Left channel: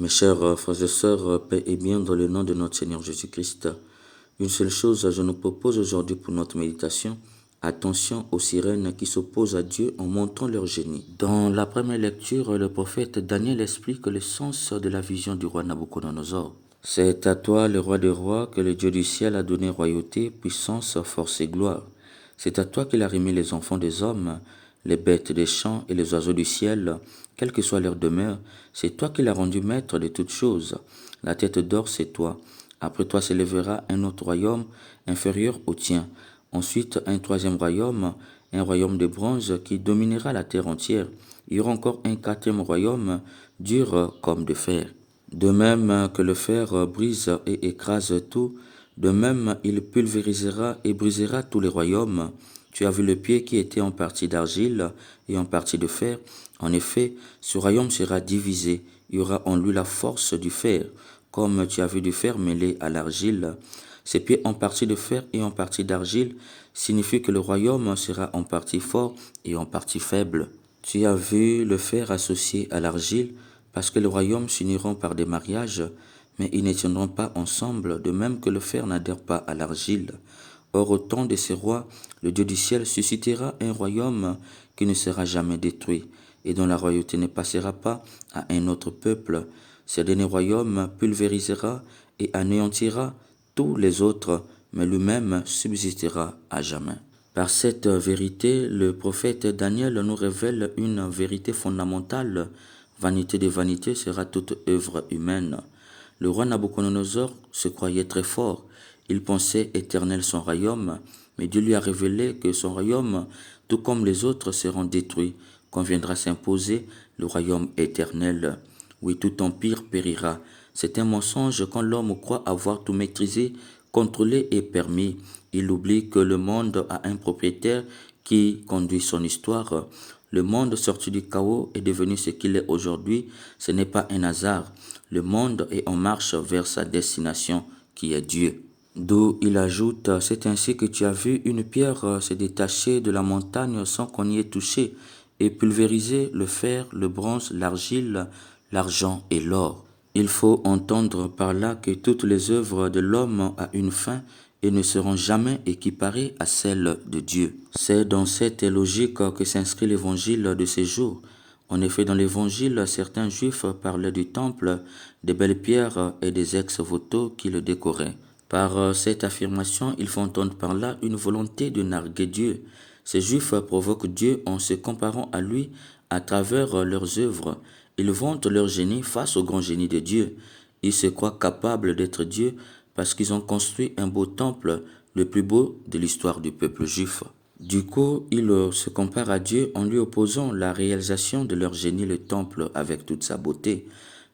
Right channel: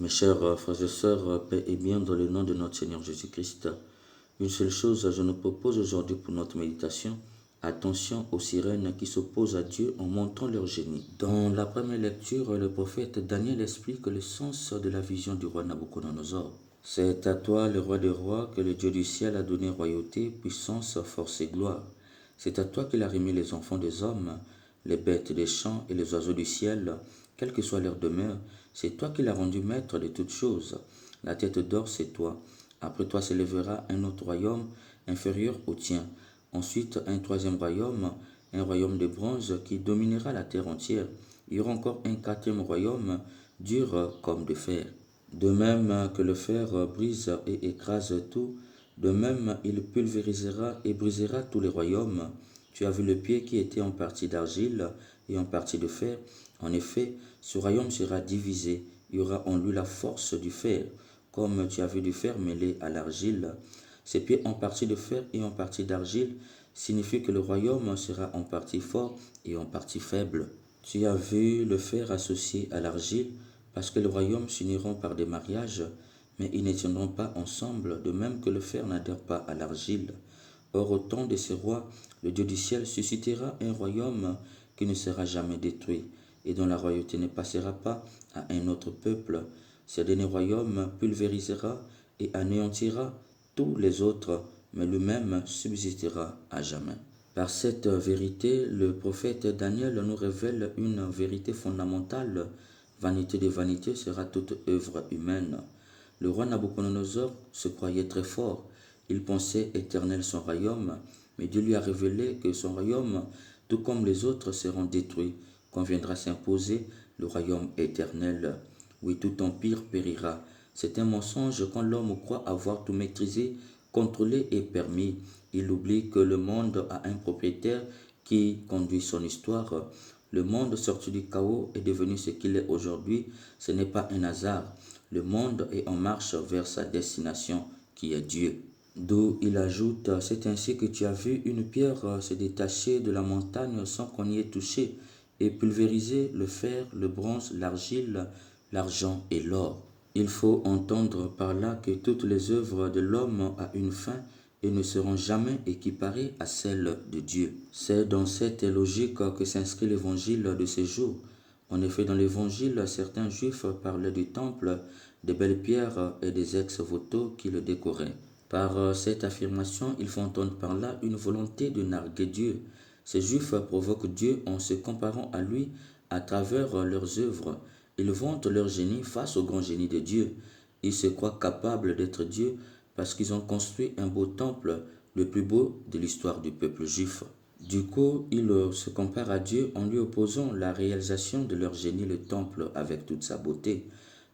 Mes chers frères et sœurs, paix et bien dans le nom de notre Seigneur Jésus-Christ. Une seule chose, je nous propose aujourd'hui pour notre méditation. Attention aux sirènes qui s'opposent à Dieu en montrant leur génie. Dans la première lecture, le prophète Daniel explique le sens de la vision du roi Nabuchodonosor. C'est à toi, le roi des rois, que le Dieu du ciel a donné royauté, puissance, force et gloire. C'est à toi qu'il a remis les enfants des hommes, les bêtes des champs et les oiseaux du ciel, quelle que soit leur demeure. C'est toi qui l'as rendu maître de toutes choses. La tête d'or, c'est toi. Après toi s'élèvera un autre royaume inférieur au tien. Ensuite, un troisième royaume, un royaume de bronze qui dominera la terre entière. Il y aura encore un quatrième royaume, dur comme de fer. De même que le fer brise et écrase tout, de même il pulvérisera et brisera tous les royaumes. Tu as vu le pied qui était en partie d'argile et en partie de fer. En effet, ce royaume sera divisé. Il y aura en lui la force du fer, comme tu as vu du fer mêlé à l'argile. Ces pieds en partie de fer et en partie d'argile signifient que le royaume sera en partie fort et en partie faible. Tu as vu le fer associé à l'argile, parce que les royaumes s'uniront par des mariages, mais ils ne tiendront pas ensemble, de même que le fer n'adhère pas à l'argile. Or, au temps de ces rois, le Dieu du ciel suscitera un royaume qui ne sera jamais détruit, et dont la royauté ne passera pas à un autre peuple. Ce dernier royaume pulvérisera et anéantira tous les autres, mais lui-même subsistera à jamais. Par cette vérité, le prophète Daniel nous révèle une vérité fondamentale. Vanité des vanités sera toute œuvre humaine. Le roi Nabuchodonosor se croyait très fort. Il pensait éternel son royaume, mais Dieu lui a révélé que son royaume, tout comme les autres, seront détruits, quand viendra s'imposer le royaume éternel. Oui, tout empire périra. C'est un mensonge quand l'homme croit avoir tout maîtrisé, contrôlé et permis. Il oublie que le monde a un propriétaire qui conduit son histoire. Le monde sorti du chaos est devenu ce qu'il est aujourd'hui. Ce n'est pas un hasard. Le monde est en marche vers sa destination, qui est Dieu. D'où il ajoute, c'est ainsi que tu as vu une pierre se détacher de la montagne sans qu'on y ait touché, et pulvériser le fer, le bronze, l'argile, l'argent et l'or. Il faut entendre par là que toutes les œuvres de l'homme ont une fin et ne seront jamais équiparées à celles de Dieu. C'est dans cette logique que s'inscrit l'évangile de ces jours. En effet, dans l'évangile, certains juifs parlaient du temple, des belles pierres et des ex-voto qui le décoraient. Par cette affirmation, ils font entendre par là une volonté de narguer Dieu. Ces juifs provoquent Dieu en se comparant à lui à travers leurs œuvres. Ils vantent leur génie face au grand génie de Dieu. Ils se croient capables d'être Dieu parce qu'ils ont construit un beau temple, le plus beau de l'histoire du peuple juif. Du coup, ils se comparent à Dieu en lui opposant la réalisation de leur génie, le temple, avec toute sa beauté.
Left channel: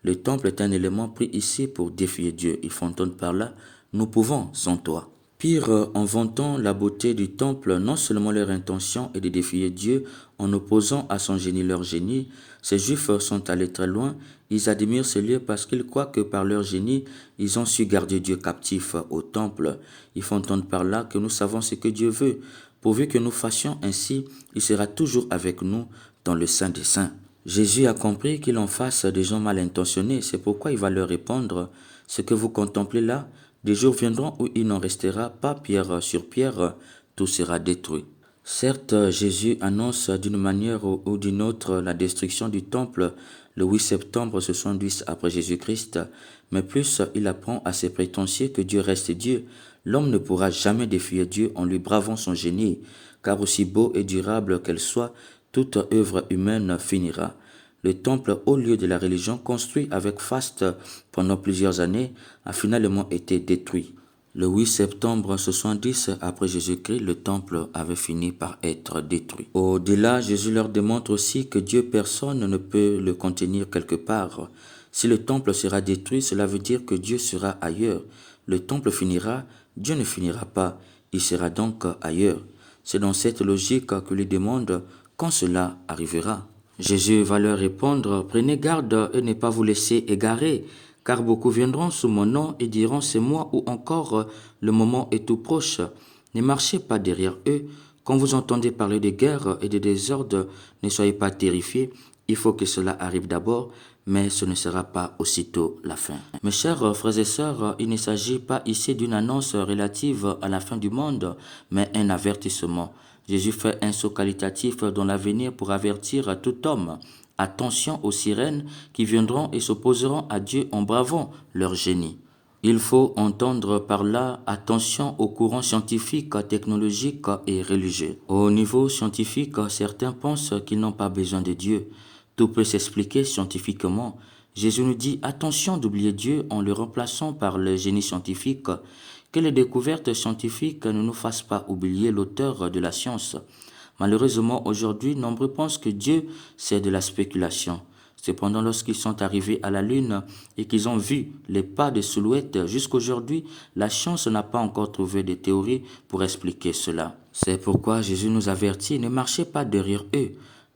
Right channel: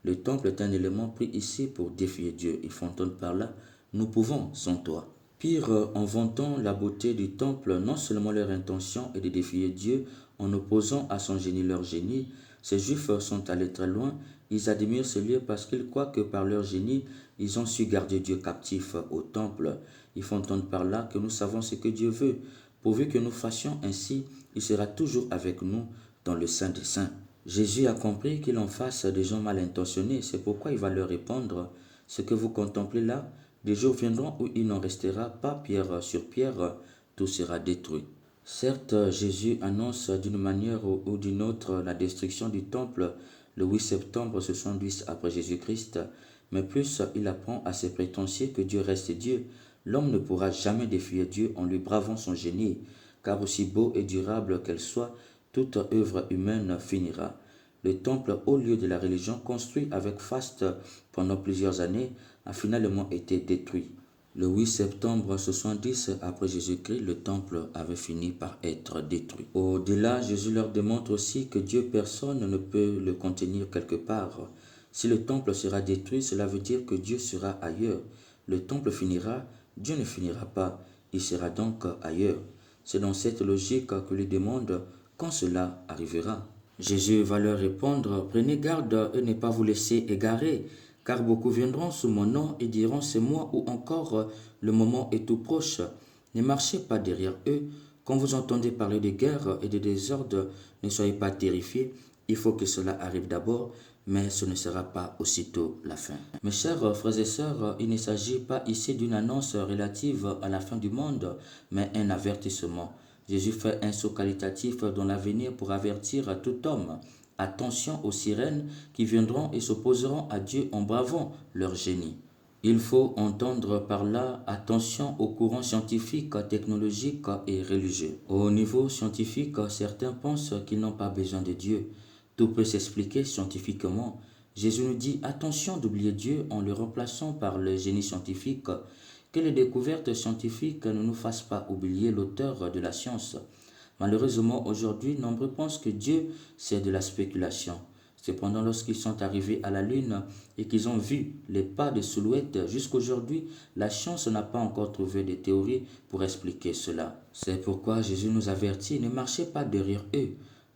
Le temple est un élément pris ici pour défier Dieu. Ils font entendre par là, nous pouvons sans toi. Pire, en vantant la beauté du temple, non seulement leur intention est de défier Dieu en opposant à son génie leur génie, ces Juifs sont allés très loin, ils admirent ce lieu parce qu'ils croient que par leur génie, ils ont su garder Dieu captif au temple. Ils font entendre par là que nous savons ce que Dieu veut. Pourvu que nous fassions ainsi, il sera toujours avec nous dans le Saint des Saints. Jésus a compris qu'il en face des gens mal intentionnés, c'est pourquoi il va leur répondre, ce que vous contemplez là, des jours viendront où il n'en restera pas pierre sur pierre, tout sera détruit. Certes, Jésus annonce d'une manière ou d'une autre la destruction du temple le 8 septembre 70 après Jésus-Christ, mais plus il apprend à ses prétentieux que Dieu reste Dieu. L'homme ne pourra jamais défier Dieu en lui bravant son génie, car aussi beau et durable qu'elle soit, toute œuvre humaine finira. Le temple, au lieu de la religion construit avec faste pendant plusieurs années, a finalement été détruit. Le 8 septembre 70 après Jésus-Christ, le temple avait fini par être détruit. Au-delà, Jésus leur démontre aussi que Dieu personne ne peut le contenir quelque part. Si le temple sera détruit, cela veut dire que Dieu sera ailleurs. Le temple finira, Dieu ne finira pas, il sera donc ailleurs. C'est dans cette logique que lui demande quand cela arrivera. Jésus va leur répondre, prenez garde et ne pas vous laisser égarer, car beaucoup viendront sous mon nom et diront c'est moi ou encore le moment est tout proche. Ne marchez pas derrière eux. Quand vous entendez parler de guerre et de désordre, ne soyez pas terrifiés. Il faut que cela arrive d'abord, mais ce ne sera pas aussitôt la fin. Mes chers frères et sœurs, il ne s'agit pas ici d'une annonce relative à la fin du monde, mais un avertissement. Jésus fait un saut qualitatif dans l'avenir pour avertir tout homme. Attention aux sirènes qui viendront et s'opposeront à Dieu en bravant leur génie. Il faut entendre par là attention aux courants scientifiques, technologiques et religieux. Au niveau scientifique, certains pensent qu'ils n'ont pas besoin de Dieu. Tout peut s'expliquer scientifiquement. Jésus nous dit attention d'oublier Dieu en le remplaçant par le génie scientifique. Que les découvertes scientifiques ne nous fassent pas oublier l'auteur de la science. Malheureusement, aujourd'hui, nombreux pensent que Dieu, c'est de la spéculation. Cependant, lorsqu'ils sont arrivés à la Lune et qu'ils ont vu les pas de silhouettes, jusqu'aujourd'hui, la science n'a pas encore trouvé de théorie pour expliquer cela. C'est pourquoi Jésus nous avertit, ne marchez pas derrière eux.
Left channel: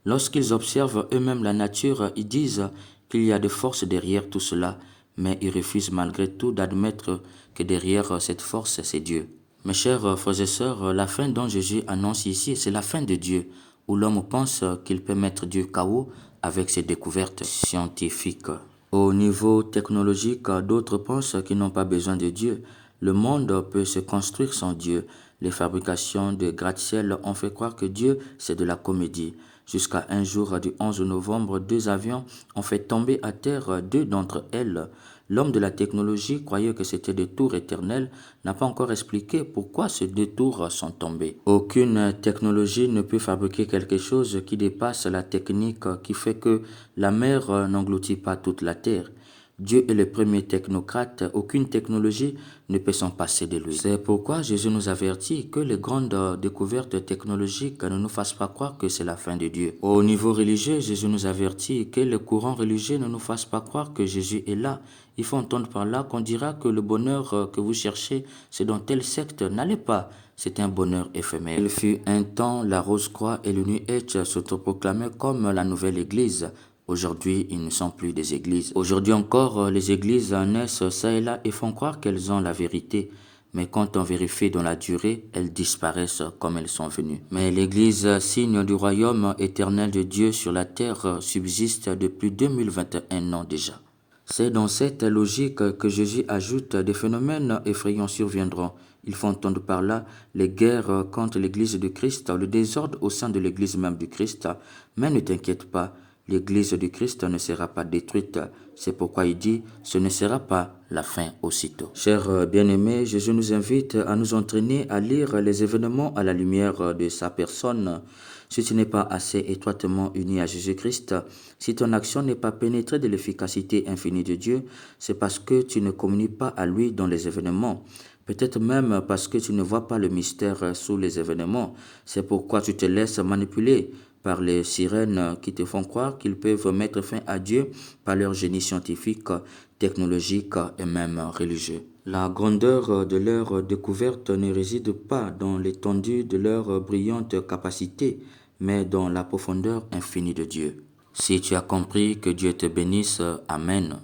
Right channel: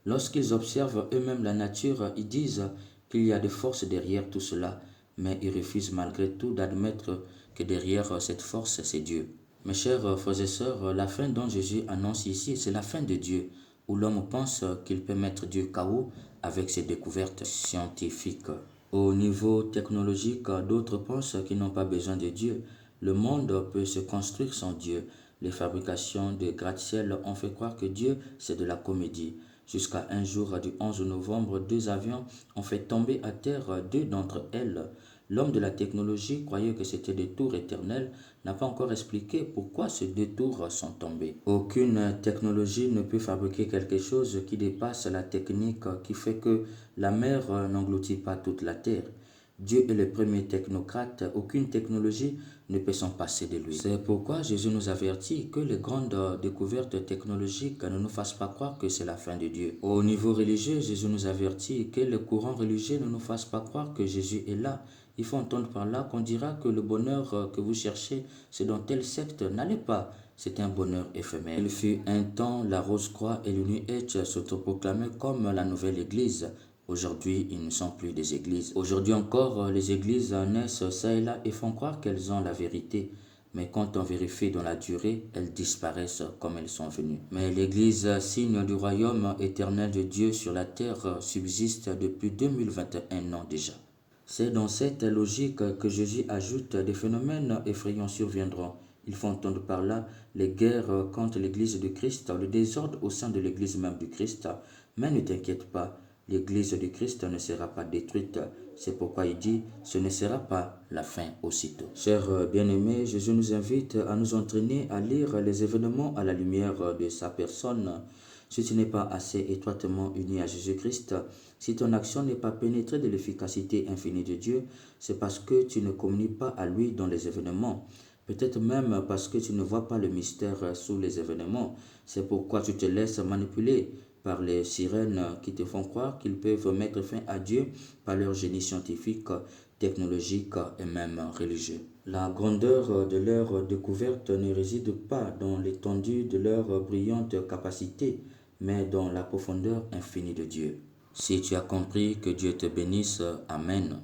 Lorsqu'ils observent eux-mêmes la nature, ils disent qu'il y a de forces derrière tout cela, mais ils refusent malgré tout d'admettre que derrière cette force, c'est Dieu. Mes chers frères et sœurs, la fin dont Jésus annonce ici, c'est la fin de Dieu, où l'homme pense qu'il peut mettre Dieu KO avec ses découvertes scientifiques. Au niveau technologique, d'autres pensent qu'ils n'ont pas besoin de Dieu. Le monde peut se construire sans Dieu. Les fabrications de gratte-ciel ont fait croire que Dieu, c'est de la comédie. Jusqu'à un jour du 11 novembre, 2 avions ont fait tomber à terre 2 d'entre elles. L'homme de la technologie croyait que c'était des tours éternelles, n'a pas encore expliqué pourquoi ces 2 tours sont tombées. Aucune technologie ne peut fabriquer quelque chose qui dépasse la technique qui fait que la mer n'engloutit pas toute la terre. Dieu est le premier technocrate, aucune technologie ne peut s'en passer de lui. C'est pourquoi Jésus nous avertit que les grandes découvertes technologiques ne nous fassent pas croire que c'est la fin de Dieu. Au niveau religieux, Jésus nous avertit que les courants religieux ne nous fassent pas croire que Jésus est là. Il faut entendre par là qu'on dira que le bonheur que vous cherchez, c'est dans telle secte. N'allez pas, c'est un bonheur éphémère. Il fut un temps, la Rose-Croix et le New Age s'autoproclamaient comme la nouvelle église. Aujourd'hui, ils ne sont plus des églises. Aujourd'hui encore, les églises naissent ça et là et font croire qu'elles ont la vérité. Mais quand on vérifie dans la durée, elles disparaissent comme elles sont venues. Mais l'église, signe du royaume éternel de Dieu sur la terre, subsiste depuis 2021 ans déjà. C'est dans cette logique que Jésus ajoute des phénomènes effrayants surviendront. Il faut entendre par là les guerres contre l'église de Christ, le désordre au sein de l'église même du Christ. Mais ne t'inquiète pas, l'église du Christ ne sera pas détruite. C'est pourquoi il dit, ce ne sera pas la fin aussitôt. Chers bien-aimés, Jésus nous invite à nous entraîner à lire les événements à la lumière de sa personne. Si tu n'es pas assez étroitement uni à Jésus-Christ, si ton action n'est pas pénétrée de l'efficacité infinie de Dieu, c'est parce que tu ne communies pas à lui dans les événements. Peut-être même parce que tu ne vois pas le mystère sous les événements. C'est pourquoi tu te laisses manipuler par les sirènes qui te font croire qu'ils peuvent mettre fin à Dieu par leur génie scientifique, technologique et même religieux. La grandeur de leur découverte ne réside pas dans l'étendue de leur brillante capacité, mais dans la profondeur infinie de Dieu. Si tu as compris, que Dieu te bénisse. Amen.